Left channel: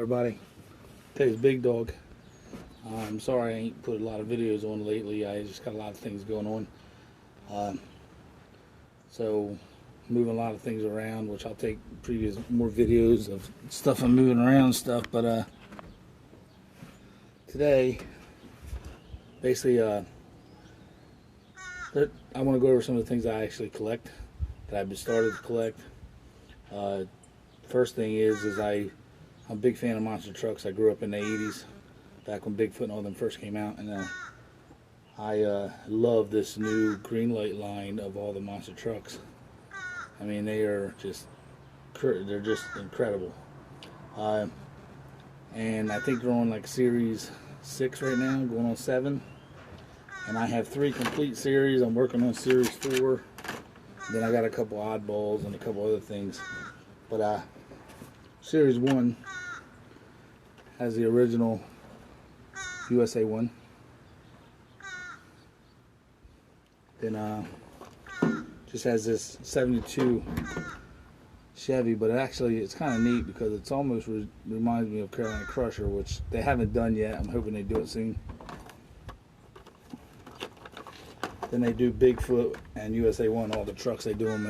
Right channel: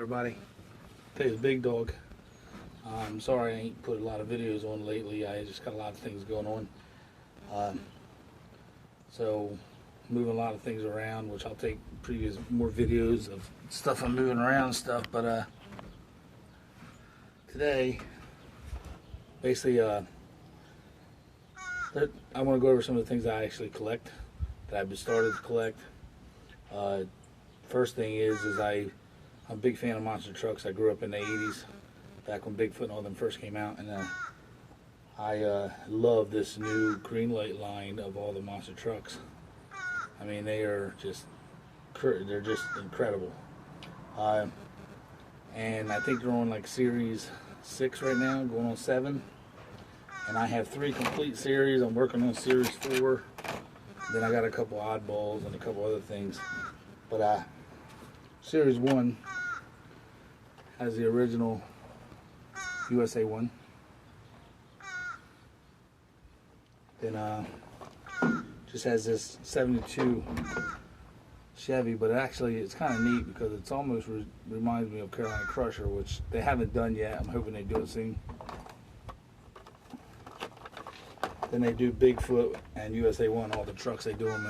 Everybody, today's Big Dog. I'm sorry I ain't put a lot of videos on lately. I just got a lot of things going on. So moving a lot of things around, which I'll take more videos of stuff I'm moving around and stuff. But today, basically, I want to go over some of the things I actually collect that I've started to collect. First thing is I'm a big fan of monster trucks. I grew up in the 80s, back when Bigfoot and all them first came out, and I love this new Greenlight line of all the monster trucks. I mean, they're just incredible. And I think they're on like series 6 right now, going on 7. And I have 3 complete series. I'm working on series 4. Then I got a couple oddballs and a couple other things. But series 1 has the original USA 1. Then just has this 72 Chevy, but it's kind of neat because it's almost reminds me of Carolina Crusher, which they haven't done yet. I'm hoping they do it soon. Then they do Bigfoot and USA 1, all the trucks. They do them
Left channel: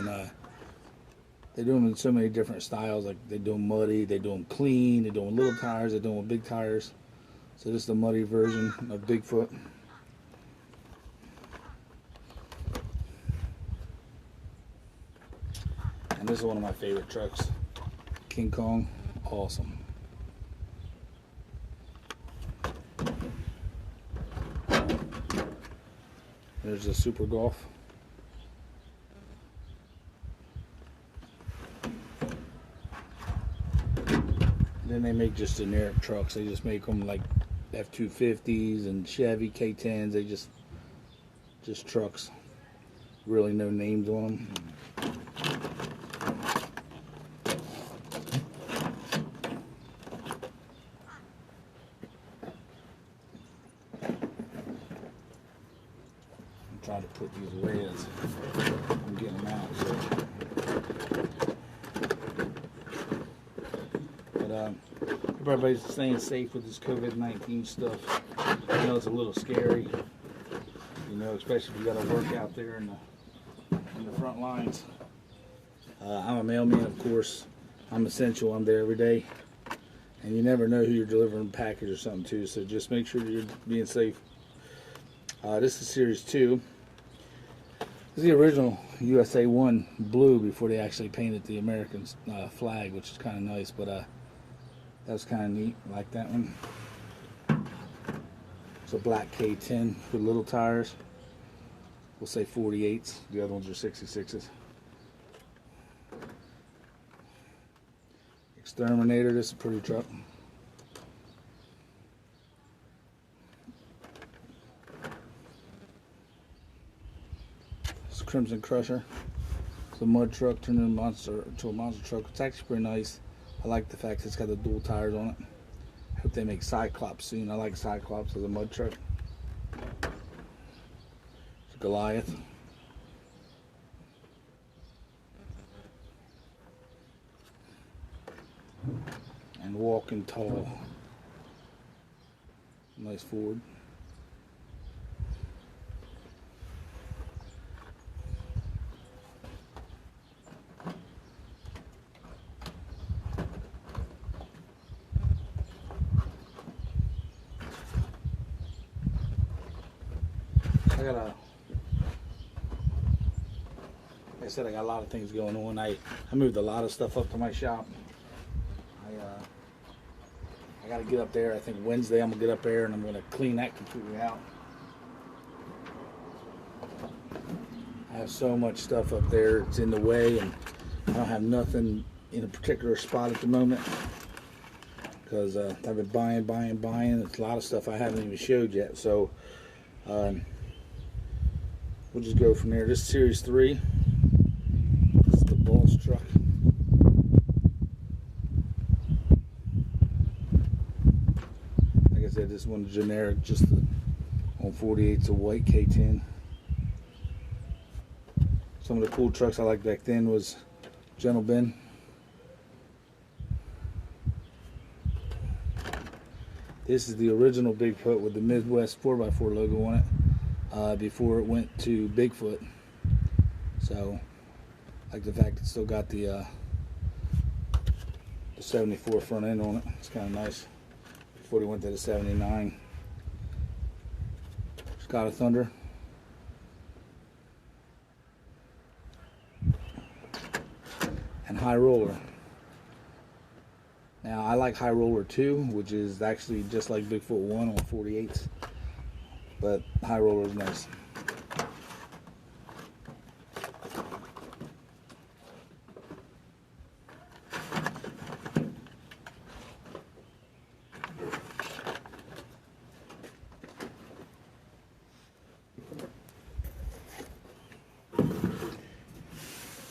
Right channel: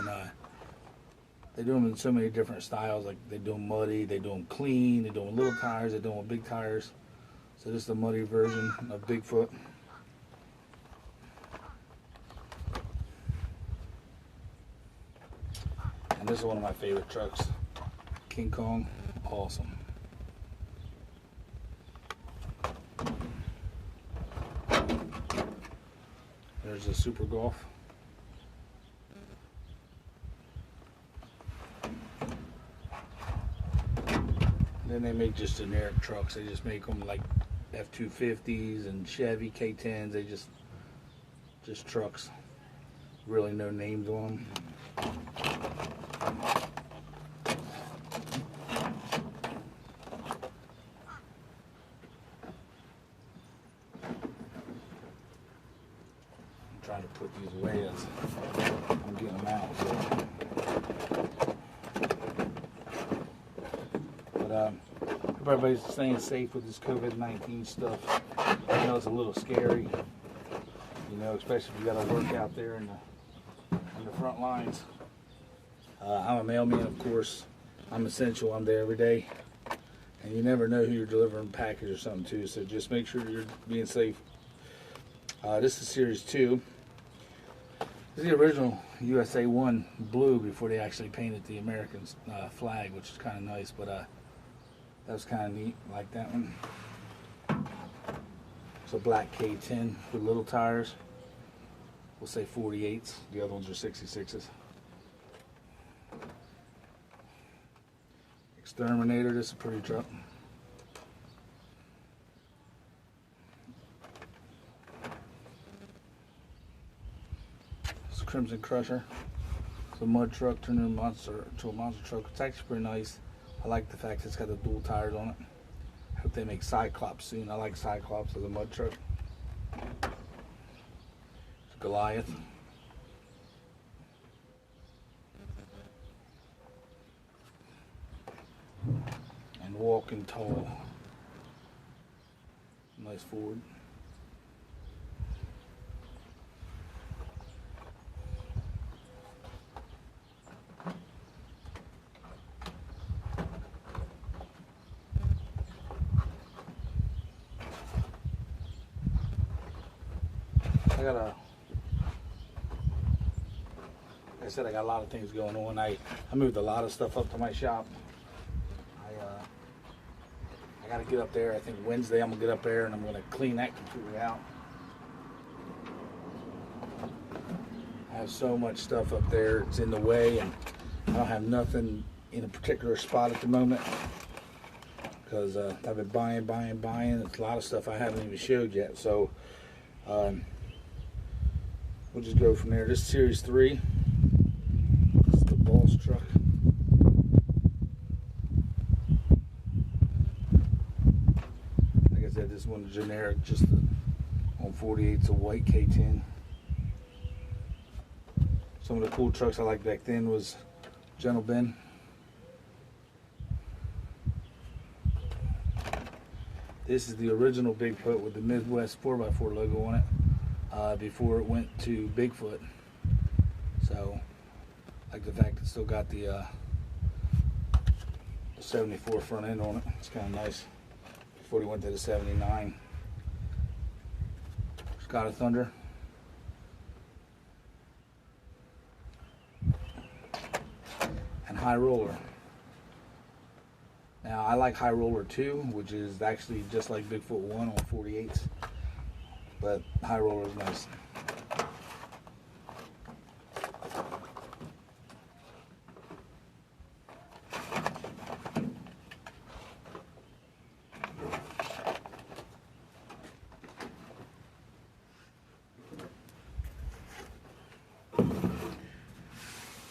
in so many different styles. Like they do them muddy, they do them clean, they do them little tires, they do them with big tires. So this is the muddy version of Bigfoot. And this is one of my favorite trucks, King Kong. Awesome. There's a Super Golf. Then they make just generic trucks. They just make them like F-250s and Chevy K10s. They just trucks. Really no names on them. Try to put these away as I'm getting them out. So. But everybody's staying safe with this COVID-19 stuff. I know it's a little scary, you know, especially if you got to work out there in the front lines. I'm a mailman, of course. I'm essential. I'm there every day, and you never know who you're delivering a package or something to. So just make sure you're being safe. This is Series 2. This is the original USA 1 blue before they actually painted the American flag, which is kind of nice, but that's kind of neat. I like that one. It's a black K10 with little tires. We'll say 48s. The other ones are 66s. Exterminator, this is a pretty truck. Crimson Crusher. It's a mud truck turned into a monster truck. It's actually pretty nice. I like the fact it's got the dual tires on it. I hope they make Cyclops soon. I like Cyclops as a mud truck. Goliath. And Walking Tall. Nice Ford. Like I said, I got a lot of things going on. I moved a lot of stuff up to my shop. I got to get up there. I think Wednesday I'm going to get up there and I'm going to clean that completely out. I have so much stuff up there. It's in the way, and I don't have nothing in a particular spot at the moment because I've been buying. It's a lot of stuff I haven't even showed yet. So we'll just go from there. This is Series 3. This is the Boss truck. Like I said, this one's generic, just on 48's a white K10. Some of the cool trucks I liked back then was Gentle Ben. This is the original Bigfoot with the Midwest 4x4 logo on it before it went to Bigfoot. So, I like the fact it's still got the 74 front end on it. It's kind of nice. Before he went to the 79. God of Thunder. And High Roller. Now I like High Roller 2, which is actually just like Bigfoot 1 on 48s, but High Roller is nice.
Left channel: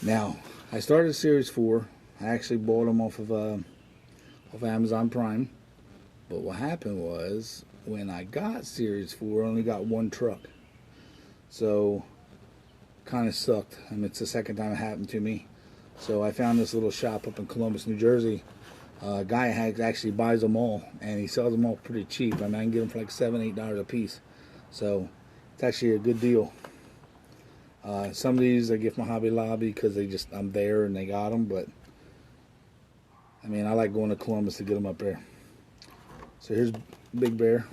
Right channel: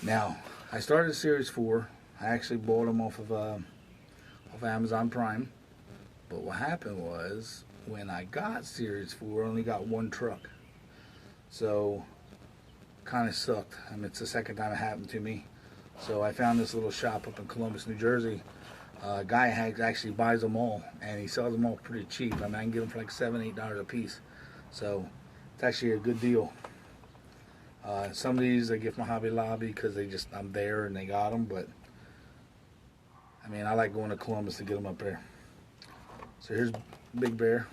Now, I started Series 4. I actually bought them off of Amazon Prime. But what happened was, when I got Series 4, I only got one truck. So, kind of sucked. I mean, it's the second time it happened to me. So, I found this little shop up in Columbus, New Jersey. A guy actually buys them all, and he sells them all pretty cheap. I mean, I can get them for like $7, $8 a piece. So, it's actually a good deal. Some of these I get from Hobby Lobby because I'm there and they got them, but I mean, I like going to Columbus to get them up there. So here's Big Bear.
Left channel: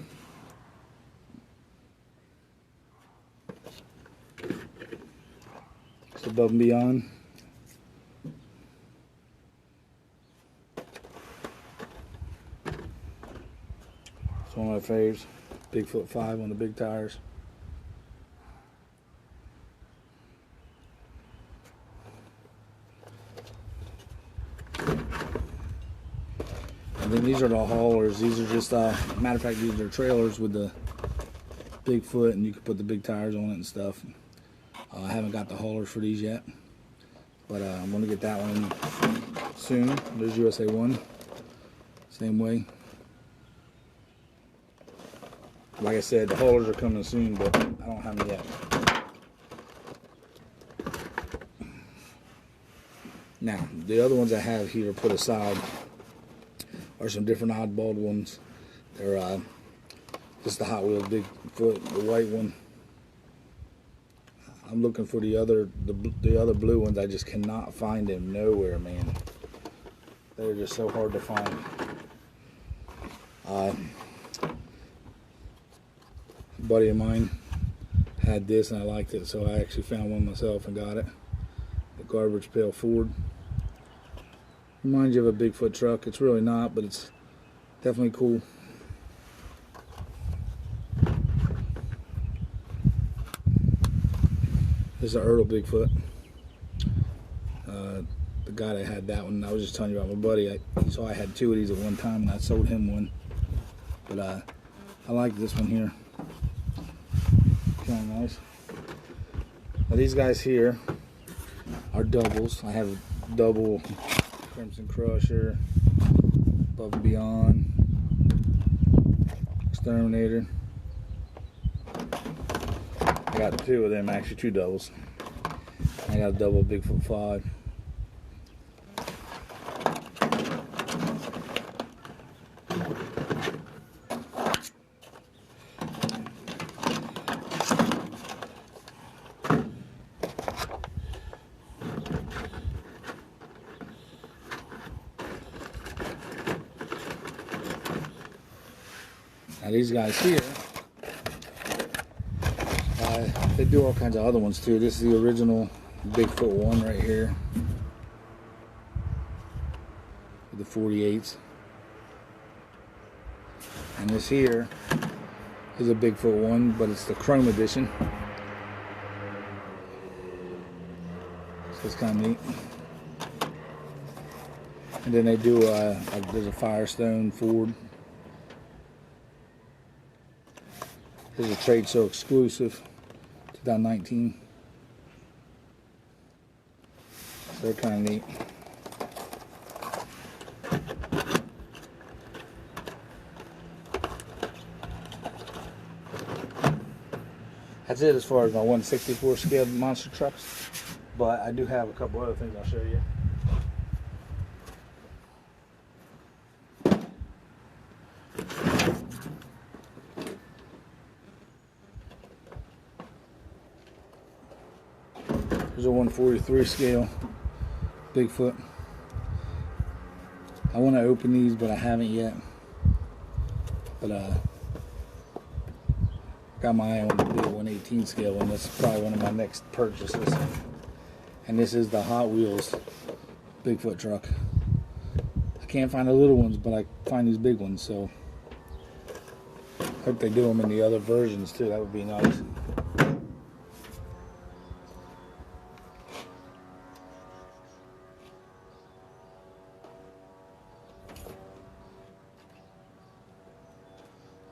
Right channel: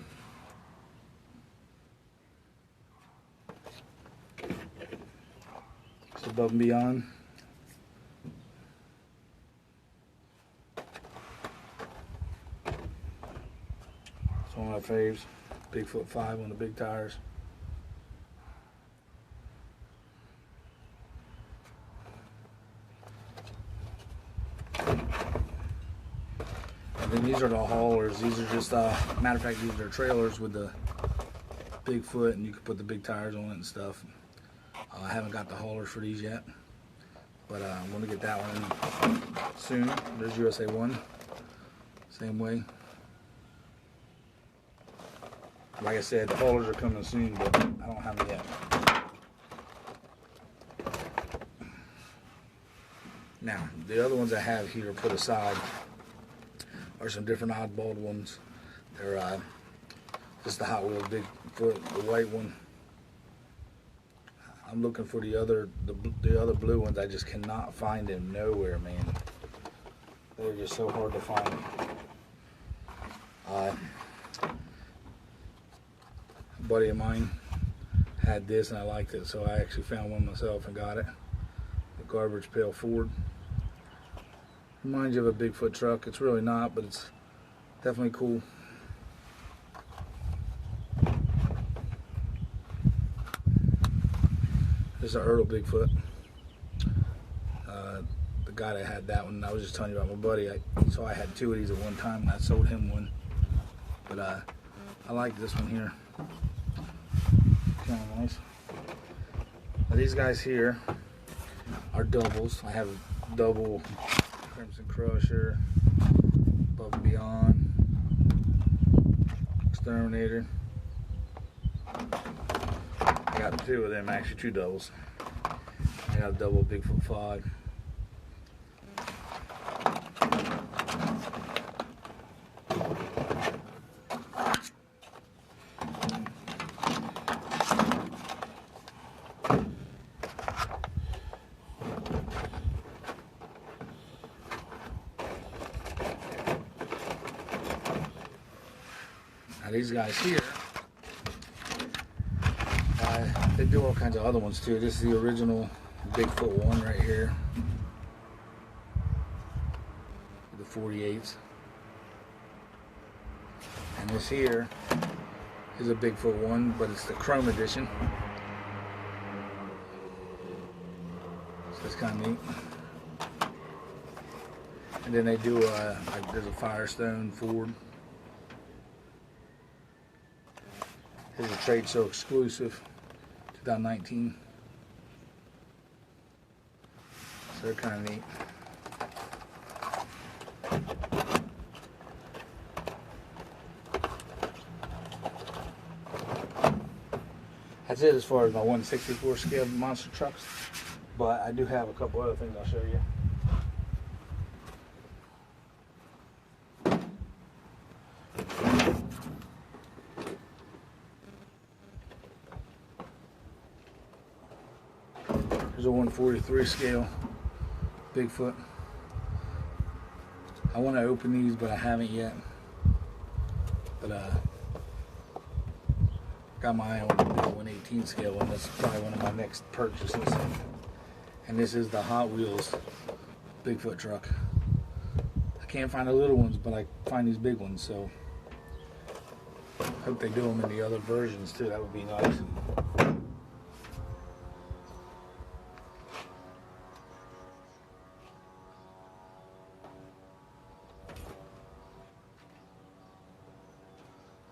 It's Above and Beyond. It's one of my faves. Bigfoot 5 on the big tires. And then these are the haulers. These are just, matter of fact, these are trailers with the Bigfoot, and you can put the big tires on it and stuff. I haven't got the haulers for these yet, but I'm going to get that one soon. There's USA 1. Same way. Like I said, the haulers are coming soon, but I don't have them yet. Now, the other ones I have here put aside are some different oddball ones. They're just the Hot Wheels Bigfoot, the white one. I'm looking for the other blue ones. I just cannot find them nowhere, man. They're just so hard to find. A buddy of mine had this and I liked it, so I actually found one myself and got it. The Garbage Pail Ford. Reminds you of a Bigfoot truck. It's really not, but it's definitely cool. There's the Earl Bigfoot. The guy that had that one, I was just telling you about my buddy. He saw I had two of these at one time, and I sold him one. But I like this one here. Kind of nice. Now these guys here are doubles. I have double Crimson Crusher, Above and Beyond, Exterminator. I got two of them, actually two doubles. I got a double Bigfoot 5. Now these guys here, they do all kinds of other ones too. This is the original Bigfoot 1 right here. With the 48s. And this here is a Bigfoot 1, but it's the Chrome edition. So it's kind of neat. And then they do, there's a Firestone Ford. There's a trade show exclusive, 2019. They're kind of neat. That's it as far as my 1/64 scale monster trucks. But I do have a couple other things I'll show you. There's a 143 scale Bigfoot. I want to open these, but I haven't yet. But got my eye on the big 118 scale, and this is probably one of my next purchases. And this is the Hot Wheels Bigfoot truck. I can't find the little ones, but I find these big ones, so hope they do them in the other versions too. That would be nice.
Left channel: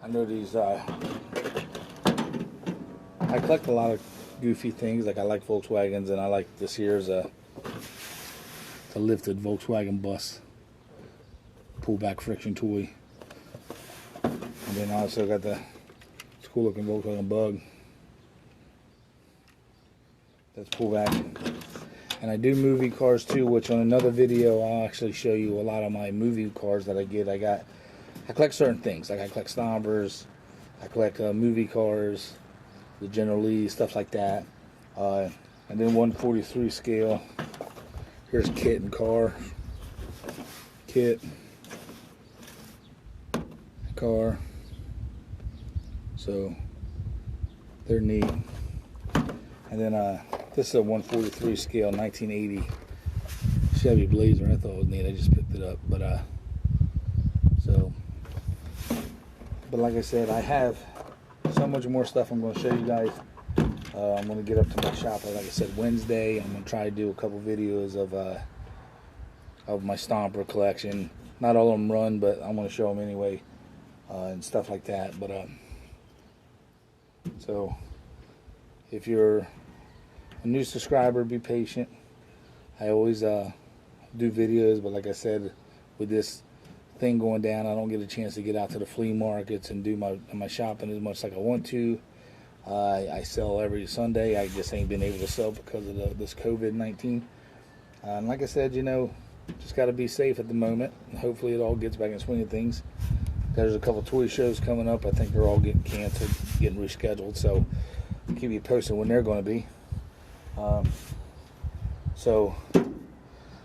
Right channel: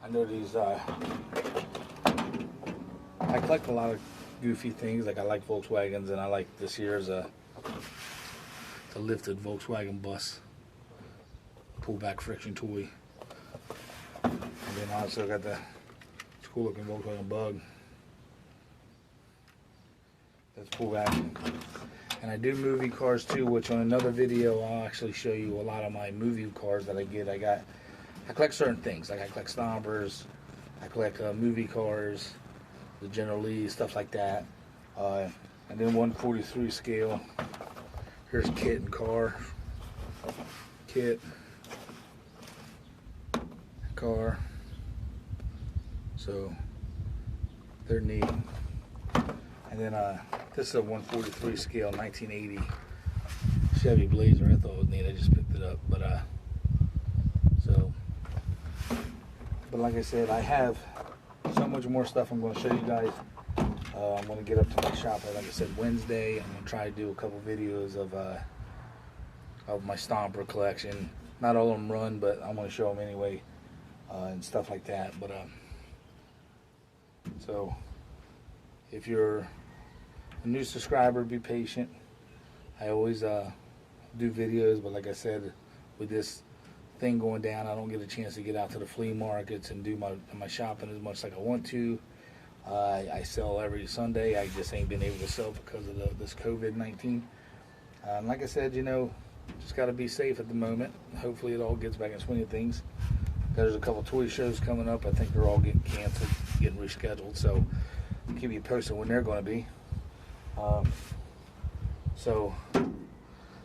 I know these, I collect a lot of goofy things. Like I like Volkswagens, and I like this here's a lifted Volkswagen bus pullback friction toy. And then I also got the cool looking Volkswagen Bug. That's pullback. And I do movie cars too, which on another video I'll actually show you a lot of my movie cars that I get. I collect certain things. Like I collect Stompers, I collect movie cars, the General Lee, stuff like that. And then 143 scale. Here's Kit and Car. Kit. Car. So they're neat. And then this is a 143 scale 1980 Chevy Blazer. I thought it was neat. I just picked it up. But like I said, I have so much more stuff I'm going to show you guys. I'm going to get up to my shop, like I said, Wednesday. I'm going to try to do a couple videos of my Stomper collection. Not all of them run, but I'm going to show them anyway, and stuff like that. But so if you're a new subscriber, be patient. I always do videos, but like I said, with this thing going down, I don't get a chance to get out to the flea markets and do my shopping as much like I want to. I sell every Sunday. I just ain't been able to sell because of this COVID-19. And like I said, you know, just got to be safe at the moment. Hopefully it all gets back in swing of things. There's a couple toy shows coming up. I think they're all getting canceled, getting rescheduled. So I'll keep you posted when they're going to be. So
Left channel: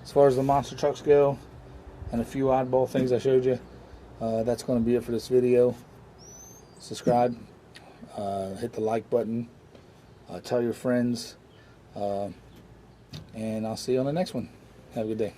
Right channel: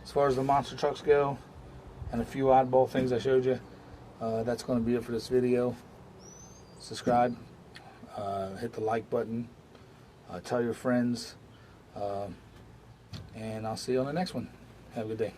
as far as the monster trucks go, and a few oddball things I showed you, that's going to be it for this video. Subscribe, hit the like button, tell your friends, and I'll see you on the next one. Have a good day.